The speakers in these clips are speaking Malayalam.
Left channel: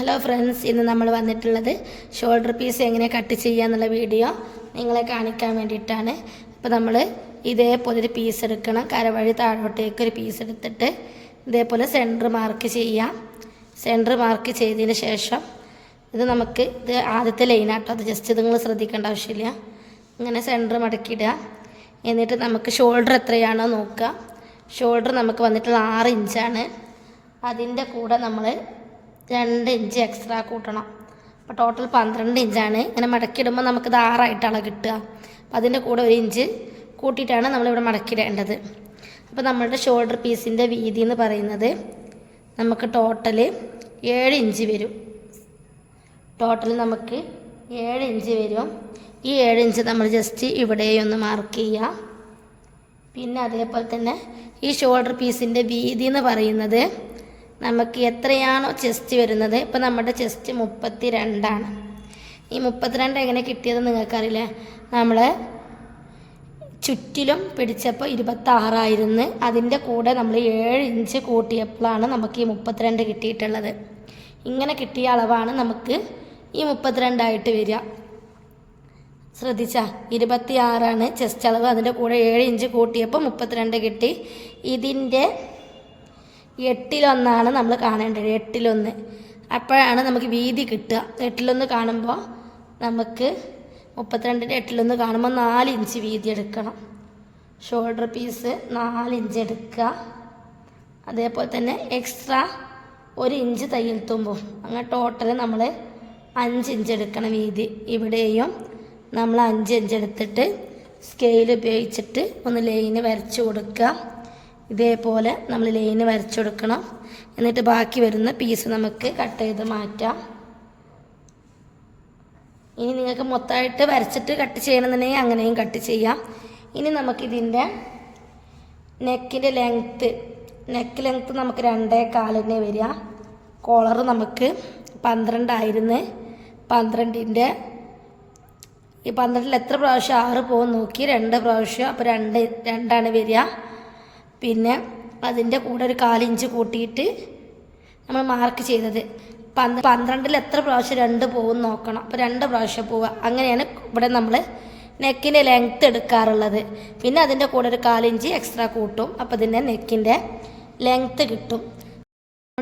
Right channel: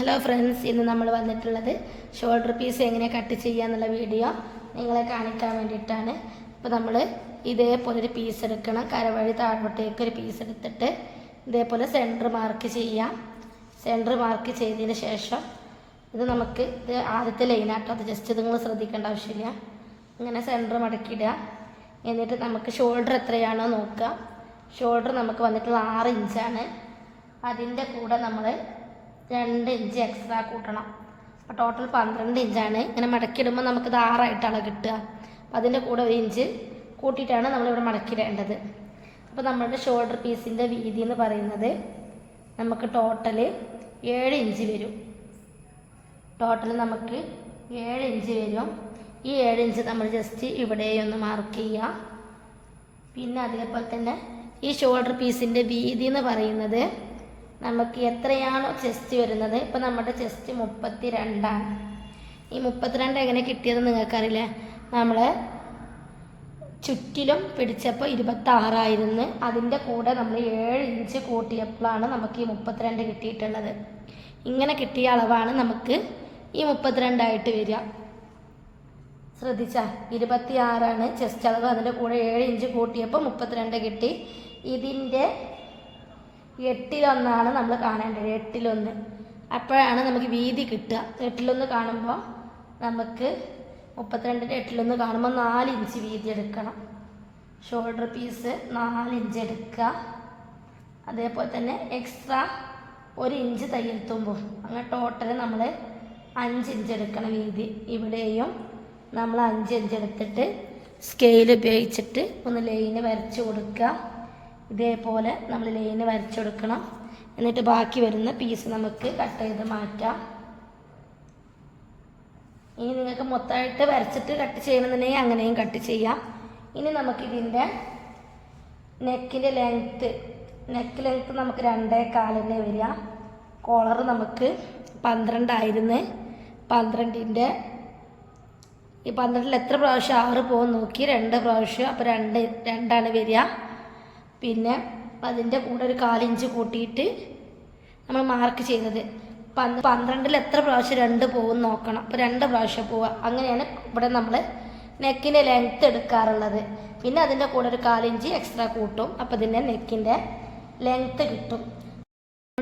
ഹലോ ഫ്രണ്ട്സ് ഇന്ന് നമ്മൾ വന്നിട്ടുള്ളത് ഷോൾഡർ പീസ് എങ്ങനെ കട്ട് ചെയ്യുക എന്നുള്ള വീഡിയോ നിങ്ങളെ കാണിക്കാൻ വേണ്ടിയിട്ടാണ്. അപ്പോൾ നമ്മൾ ഇതേപോലെ ഒരു പീസ് എടുക്കണം. കരവഴി താഴോട്ടേക്ക് ഒരു പീസ് എടുത്തിട്ട് ഇതേപോലെ സെന്റർ മാർക്ക് ചെയ്യാം. സെന്റർ മാർക്ക് ചെയ്തതിന് ശേഷം ഇത് നമുക്ക് ഇത് ആദ്യത്തെ ലൈനാട്ടോ അത് ജസ്റ്റ് നിങ്ങൾ ശ്രദ്ധിക്കേണ്ട ആവശ്യമില്ല. ഇങ്ങനെ സെന്റർ മടക്കിയിടുക എന്നിട്ട് നമുക്ക് ഷോൾഡർ എത്രയാണോ നോക്കുക. ഷോൾഡർ നമുക്ക് വന്നിട്ടുള്ള ആറ് ഇഞ്ചാണ് അതിന്റെ കൂടെ നമ്മൾ രണ്ട് ഇഞ്ച് എക്സ്ട്രാ കൂട്ടണം. അപ്പോൾ ടോട്ടൽ പന്ത്രണ്ട് ഇഞ്ചാണ്. ഇങ്ങനെ മടക്കിയിടുമ്പോൾ നമുക്കിത് ആറായിട്ടാണ് കിട്ടുക. അപ്പോൾ അതിന്റെ കൂടെ ഒരു ഇഞ്ച് കൂട്ടിയിട്ടാണ് നമ്മളിവിടെ മടക്കിയിടേണ്ടത്. അപ്പോൾ നമ്മളുടെ ഷോൾഡർ പീസിന്റെ വീതി എന്ന് പറയുന്നത് നമുക്ക് ടോട്ടൽ ഏഴ് ഇഞ്ച് വരും. ടോട്ടൽ നമുക്ക് ഏഴ് ഇഞ്ച് വരും. ഈ ഏഴ് ഇഞ്ച് നമ്മൾ ജസ്റ്റ് ഇവിടെയൊന്ന് മാർക്ക് ചെയ്യാം പിന്നെ അതേപോലെ തന്നെ ഈ ഷോൾഡർ പീസിന്റെ വീതി എന്ന് പറയുന്നത് നമുക്ക് എത്രയാണോ ചെസ്റ്റ് വരുന്നത്? ഇപ്പം നമ്മുടെ ചെസ്റ്റ് മുപ്പത്തി രണ്ടാണ് ഈ മുപ്പത്തിരണ്ട് എങ്ങനെ കിട്ടിയതെന്ന് നിങ്ങൾക്കറിയില്ല? നമ്മൾ ചുറ്റിലും പിടിച്ചപ്പോൾ ഇരുപത്താറായിരുന്നു. അതിന്റെ കൂടെ നമ്മൾ ഏഴ് ഇഞ്ച് കൂട്ടിയപ്പോഴാണ് നമുക്ക് ഈ മുപ്പത്തിരണ്ട് കിട്ടിയിട്ടുള്ളത്. ഇങ്ങനെ കിട്ടിയ അളവാണ് നമുക്ക് ഈ മുപ്പത്തിരണ്ടായിട്ട് വരിക. ശ്രദ്ധിച്ച? ഇരുപത്തി ആറാണ് ചെസ്റ്റ് അളവ്. അതിന്റെ കൂടെ ഏഴ് ഇഞ്ച് കൂട്ടിയപ്പോൾ മുപ്പത്തിരണ്ട് കിട്ടി. ഇതിന്റെ എട്ടിലൊന്നാണ് നമ്മൾ കാണേണ്ടത് എട്ടിലൊന്ന്. അപ്പോഴാണ് നമുക്ക് വീതി കിട്ടുക. എട്ടിലൊന്ന് കാണുമ്പോൾ നമുക്ക് മുപ്പത്തിരണ്ടിന്റെ എട്ടിലൊന്ന് കാണുമ്പോൾ നാല് ഇഞ്ച് വീതി എടുക്കണം. ഷോൾഡർ പീസ് നാല് ഇഞ്ച് എടുക്കുക. അതേപോലെ തന്നെ എക്സ്ട്രാ ഒരു ഇഞ്ച് തയ്യൽ തുമ്പും. അങ്ങനെ ടോട്ടൽ നമ്മൾ അഞ്ച് ഇഞ്ച് എടുക്കണം വീതി. ഇവിടെയും നമ്മൾ അഞ്ച് ഇഞ്ച് എടുത്തിട്ട് സ്കെയിൽ ഉപയോഗിച്ചിട്ട് ഒന്ന് ലൈന് വരച്ചു കൊടുക്കുക. ഇതേപോലെ നമ്മൾ ലൈന് വരച്ചെടുക്കണം. എന്നിട്ട് ബാക്കി വരുന്ന പീസ് നമുക്ക് കട്ട് ചെയ്ത് മാറ്റാം. ഇനി നിങ്ങൾക്ക് മൊത്തമായിട്ട് വരച്ചിട്ട് കട്ട് ചെയ്യണമെന്നുണ്ടെങ്കിൽ അങ്ങനെയും കട്ട് ചെയ്യാം. ഇനി നമുക്കിതിന്റെ നെക്കിന്റെ ലെങ്ത്ത് നെക്ക് ലെങ്ത്ത് നമുക്ക് രണ്ടേ കാലിനെ വരിക. കോളർ നമുക്ക് പന്ത്രണ്ടായിരുന്നു. പന്ത്രണ്ടിന്റെ ഈ പന്ത്രണ്ടിൽ എത്ര പ്രാവശ്യം ആറ് പോകും നോക്കി? രണ്ട് പ്രാവശ്യം. അപ്പോൾ രണ്ട് രണ്ടാണ് വരിക. പിന്നെ അതിന്റെ കൂടെ ഒരു കാലിഞ്ച് കൂട്ടിയിട്ട് നമ്മൾ മാർക്ക് ചെയ്തത് പന്ത് പന്ത്രണ്ടിൽ എത്ര പ്രാവശ്യം രണ്ട് പോകും നോക്കണം. അപ്പോൾ രണ്ട് പ്രാവശ്യം പോവുക. അങ്ങനെയാണ് ഇവിടെ നമ്മൾ നെക്കിന്റെ ലെങ്ത്ത് എടുക്കാറുള്ളത്. പിന്നെ അതിന്റെ കൂടെ ഒരു കാലിഞ്ച് എക്സ്ട്രാ കൂട്ടും. അപ്പോൾ ഇതിന്റെ നെക്കിന്റെ ലെങ്ത്ത് കിട്ടും.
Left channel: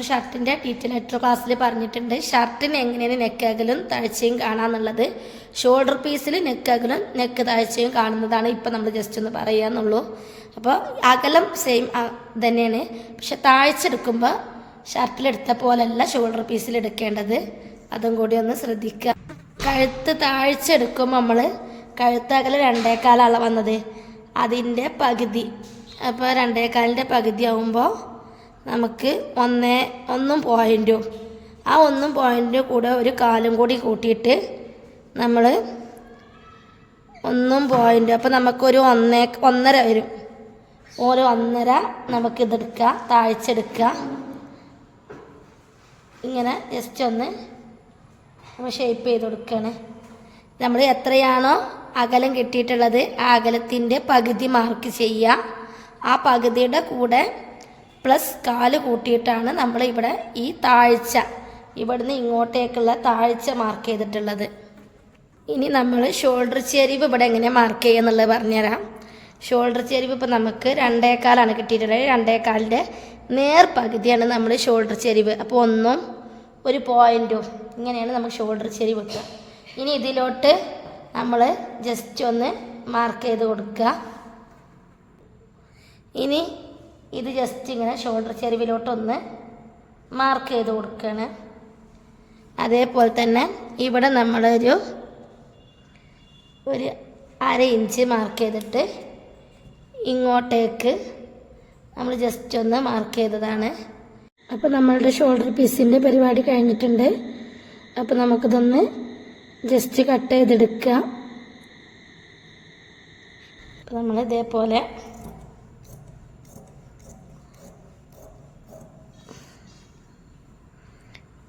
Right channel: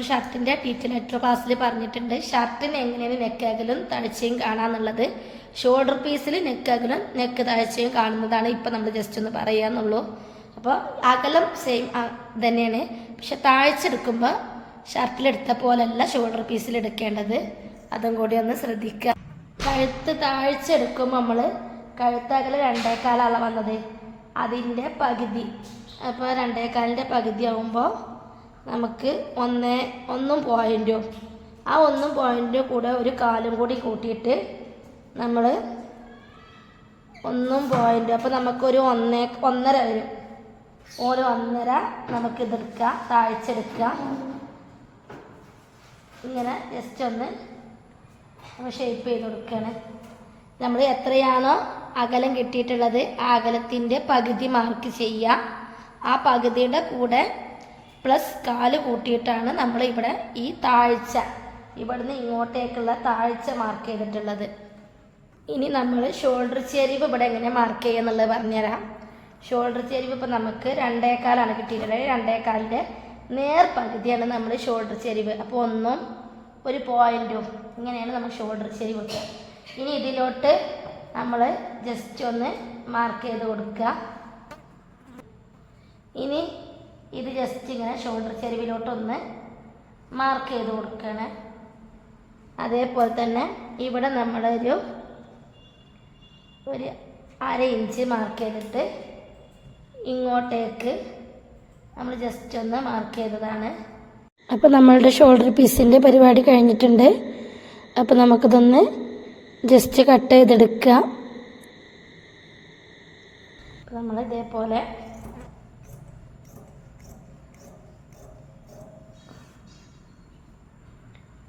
ഷർട്ടിന്റെ ടീച്ചർ ലെറ്റർ ക്ലാസ്സിൽ പറഞ്ഞിട്ടുണ്ട്. ഷർട്ടിന് എങ്ങനെയാണ് നെക്ക് അകലും താഴ്ചയും കാണാന്നുള്ളത്? ഷോൾഡർ പീസിൽ നെക്ക് അകലും നെക്ക് താഴ്ചയും കാണുന്നതാണ് ഇപ്പം നമ്മൾ ജസ്റ്റ് ഒന്ന് പറയാന്നുള്ളൂ. അപ്പോൾ അകലം സെയിം തന്നെയാണ്. പക്ഷെ താഴ്ച എടുക്കുമ്പോൾ ഷർട്ടിലെടുത്ത പോലല്ല ഷോൾഡർ പീസിൽ എടുക്കേണ്ടത്. അതും കൂടി ഒന്ന് ശ്രദ്ധിക്കുക. കഴുത്ത് താഴ്ച എടുക്കുമ്പോൾ നമ്മൾ കഴുത്ത് അകലം രണ്ടേക്കാലാണ് വന്നത്. അതിന്റെ പകുതി. അപ്പോൾ രണ്ടേക്കാലിന്റെ പകുതി ആകുമ്പോൾ നമുക്ക് ഒന്ന് ഒന്നും പോയിന്റും ആ ഒന്നും പോയിന്റിന്റെ കൂടെ ഒരു കാലും കൂടി കൂട്ടിയിട്ട് നമ്മൾ ഒന്നും പോയിന്റും അപ്പോൾ നമുക്കൊരു ഒന്നേ ഒന്നര വരും. ഒരു ഒന്നര നമുക്കിതെടുക്കുക താഴ്ചെടുക്കുക ഇങ്ങനെ ജസ്റ്റ് ഒന്ന് നമ്മൾ ഷേപ്പ് ചെയ്ത് കൊടുക്കുകയാണ് നമ്മൾ എത്രയാണോ അകലം കിട്ടിയിട്ടുള്ളത് ആ അകലത്തിന്റെ പകുതി മാർക്ക് ചെയ്യുക. ആ പകുതിയുടെ കൂടെ പ്ലസ് കാൽ കൂട്ടിയിട്ടാണ് നമ്മൾ ഇവിടെ ഈ താഴ്ച. ഇവിടുന്ന് ഇങ്ങോട്ടേക്കുള്ള താഴ്ച മാർക്ക് ചെയ്തിട്ടുള്ളത്. ഇനി നമ്മൾ ഷോൾഡർ ചെരിവ് ഇവിടെ എങ്ങനെ മാർക്ക് ചെയ്യുക എന്നുള്ളത് പറഞ്ഞുതരാം. ഷോൾഡർ ചെരിവ് ഇപ്പോൾ നമുക്ക് രണ്ടേക്കാലാണ് കിട്ടിയിട്ടുള്ളത്. രണ്ടേക്കാലിന്റെ നേർ പകുതിയാണ് നമ്മൾ ഷോൾഡർ ചെരിവ്. അപ്പോൾ ഒന്നും ഒരു പോയിന്റും ഇങ്ങനെയാണ് നമ്മൾ ഷോൾഡർ ചെരിവ് കിട്ടുക. ഇനി ഇതിലോട്ട് നമ്മൾ ജസ്റ്റ് ഒന്ന് മാർക്ക് ചെയ്ത് കൊടുക്കുക. ഇനി ഇത് ജസ്റ്റ് ഇങ്ങനെ ഷോൾഡർ ചെരുവിലോട്ടൊന്ന് മാർക്ക് ചെയ്ത് കൊടുക്കുകയാണ് അതേപോലെ തന്നെ ഇവിടെ നമ്മളൊരു ഒരു അര ഇഞ്ച് മാർക്ക് ചെയ്തിട്ട് ഇങ്ങോട്ടേക്ക് നമ്മൾ ജസ്റ്റ് ഒന്ന് മാർക്ക് ചെയ്തതാണ്. അപ്പോൾ നമ്മളുടെ ഷോൾഡർ പീസിന്റെ പരിപാടി കഴിഞ്ഞിട്ടുണ്ട്. അപ്പോൾ നമുക്കിതൊന്ന് ജസ്റ്റ് കട്ട് ചെയ്തെടുക്കുക അപ്പോൾ നമ്മൾ ഇതേപോലെ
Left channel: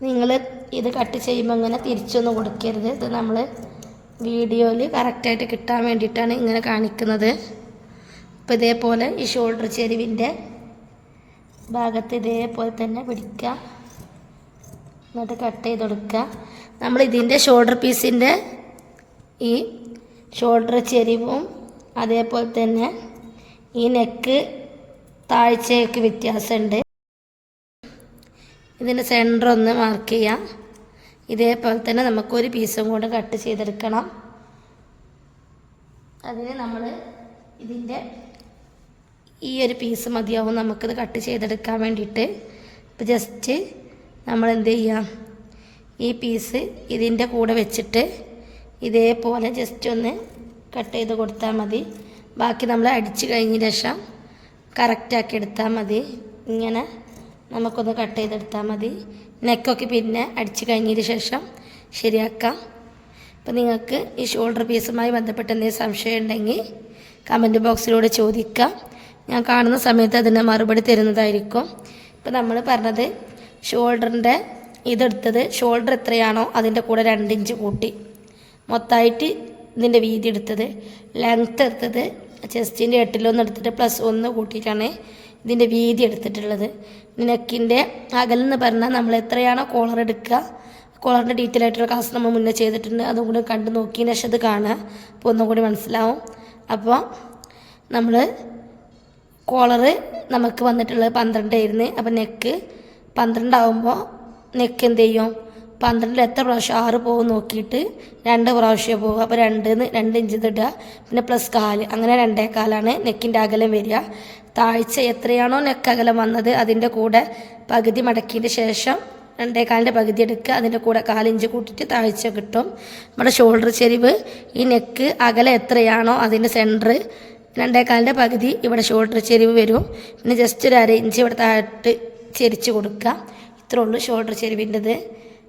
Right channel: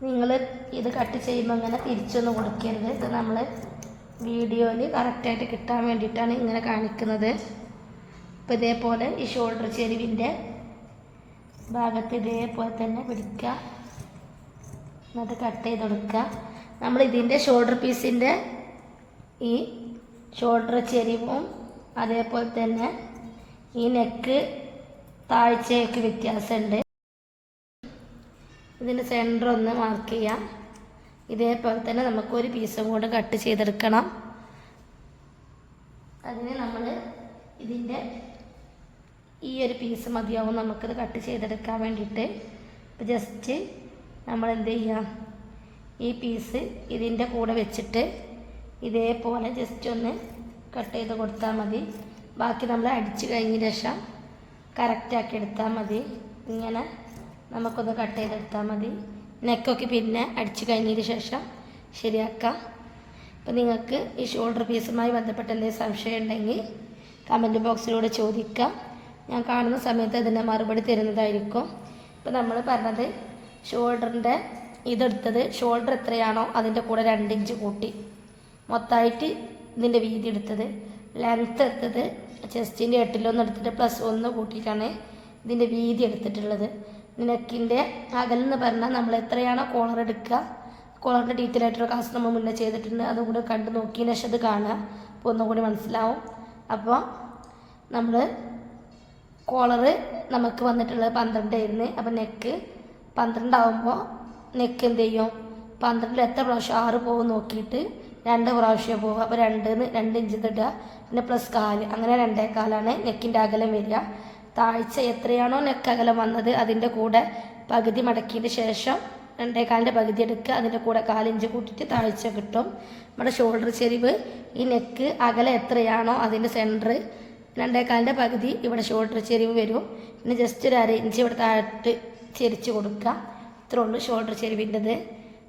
നിങ്ങൾ ഇത് കട്ട് ചെയ്യുമ്പോൾ ഇങ്ങനെ തിരിച്ചൊന്നും കൊടുക്കരുത്. ഇത് നമ്മൾ വീഡിയോയിൽ കറക്റ്റായിട്ട് കിട്ടാൻ വേണ്ടിയിട്ടാണ് ഇങ്ങനെ കാണിക്കുന്നത്. അപ്പോൾ ഇതേപോലെ ഈ ഷോൾഡർ ചെരുവിന്റെ ഭാഗത്ത് ഇതേപോലെ തന്നെ പിടിക്കുക എന്നിട്ട് കട്ട് ചെയ്ത് കൊടുക്കുക നമ്മൾ ഇതിന്റെ ഷോൾഡർ പീസിന്റെ ഈ ഷോൾഡർ ചെരിവും അതേപോലെ തന്നെ ഈ നെക്ക് താഴ്ചയൊക്കെ വ്യത്യാസമുണ്ട്. ഇതിന്റെ സെന്റർ ഒന്ന് മാർക്ക് ചെയ്യാം. ഇതേപോലെ തന്നെ നമുക്കൊരു പീസും കൂടെ കട്ട് ചെയ്തെടുക്കണം. അതിന് നമ്മൾ ഇതിന്റെ ഈ ഒരു പീസ് മതിയാവും നമുക്കിത് കട്ട് ചെയ്തെടുക്കാൻ വേണ്ടിയിട്ട്. അപ്പോൾ ജസ്റ്റ് നമ്മൾ എന്ത് ചെയ്യാം? ഈ പീസ് ഇതിന്റെ കൂടെ വെച്ചിട്ട് ഇതേപോലെ ജസ്റ്റ് ഒന്ന് കട്ട് ചെയ്ത് കൊടുത്താൽ മതി. ബാക്കി നമ്മൾ അടിച്ച് കഴിഞ്ഞ ശേഷം കറക്റ്റാക്കി എടുത്താൽ മതി. ഇങ്ങനെ നമുക്കൊന്ന് കട്ട് ചെയ്തെടുത്താൽ മതി. നെക്കൊക്കെ പിന്നെ അടിച്ച് കഴിഞ്ഞതിന് ശേഷം ശരിയാക്കാം. അപ്പോൾ നിങ്ങൾക്ക് ഈ ഷോൾഡർ പീസുമായി ബന്ധപ്പെട്ട് എന്തെങ്കിലും സംശയം ഉണ്ടെങ്കിൽ കമന്റ് ബോക്സിലൂടെ ചോദിക്കാം. ഞാൻ കാണുന്ന സമയത്ത് അതിന് മറുപടി തരുന്നതായിരിക്കും. ഇപ്പോൾ നമ്മൾ പറഞ്ഞത് ഷോൾഡറിന്റെ ഇതെടുത്തത് ഷോൾഡർ എത്രയാണോ അതിന്റെ കൂടെ രണ്ട് ഇഞ്ച് കൂട്ടി. മൊത്തമായിട്ട് ഇതിന്റെ വീതി എടുത്തത്. ലെങ്ത്ത് എടുത്തത്. ചെസ്റ്റിന്റെ എട്ടിലൊന്ന് എടുത്തിട്ട് പ്ലസ് ഒന്ന് കൂട്ടിയിട്ടാണ് ഇതിന്റെ വീതി എടുത്തിട്ടുള്ളത്. നെക്കിന്റെ അകലെന്ന് പറഞ്ഞാൽ നമ്മൾ എത്രയാണോ കോളർ എടുക്കുക കോളറിന്റെ ഡീറ്റെയിൽ ആയിട്ടുള്ള ക്ലാസ് നമ്മൾ മുന്നേ ചെയ്തിട്ടുണ്ട്. അതും കൂടി കണ്ടു നോക്കിയതിന് ശേഷം അത് കാണുക. അപ്പോൾ ഒന്നും കൂടി മനസ്സിലാവും. അപ്പോൾ നമ്മൾ കോളറ് നമുക്ക് വന്നിട്ടുള്ളത് പന്ത്രണ്ടായിരുന്നു അപ്പോൾ നെക്ക് പന്ത്രണ്ടാവുമ്പോൾ നെക്ക് എന്ത് ചെയ്യും? പന്ത്രണ്ടിൽ എത്ര പ്രാവശ്യം ആറ് പോകും നോക്കിയിട്ട് രണ്ട് പ്രാവശ്യം പോകുക അപ്പോൾ രണ്ടിന്ന് രണ്ട് ഇഞ്ച് ഇടുക. പിന്നെ പ്ലസ് കാൽ. അങ്ങനെ രണ്ടേ കാലാണ് നെക്കിന്റെ അകലം വരിക. താഴ്ച എത്രയാണോ നെക്ക് അകലം വന്നത് അതിന്റെ കൂടെ പകുതി മടക്കിയതിന് ശേഷം രണ്ടേ കാലിന്റെ പകുതി എടുക്കുക. അതിന്റെ കൂടെ കാലിഞ്ച് കൂട്ടിയിട്ട് താഴ്ച കിട്ടും. നമ്മുടെ ഷോൾഡർ ചെരിവ് ഈ നെക്ക് അകലം എത്രയാണോ അതിന്റെ സെന്റർ രണ്ടേ കാലിന്റെ പകുതി ഇവിടെ ഷോൾഡർ ചെരിവ് വരും. പിന്നെ ജസ്റ്റ് ഒരു അര ഇഞ്ച് ഇവിടെ താഴ്ത്ത് ചെരിച്ച് കൊടുക്കുക. ഇത്രേ ഉള്ളൂ ഷോൾഡർ ചെരിവിന്റെത്.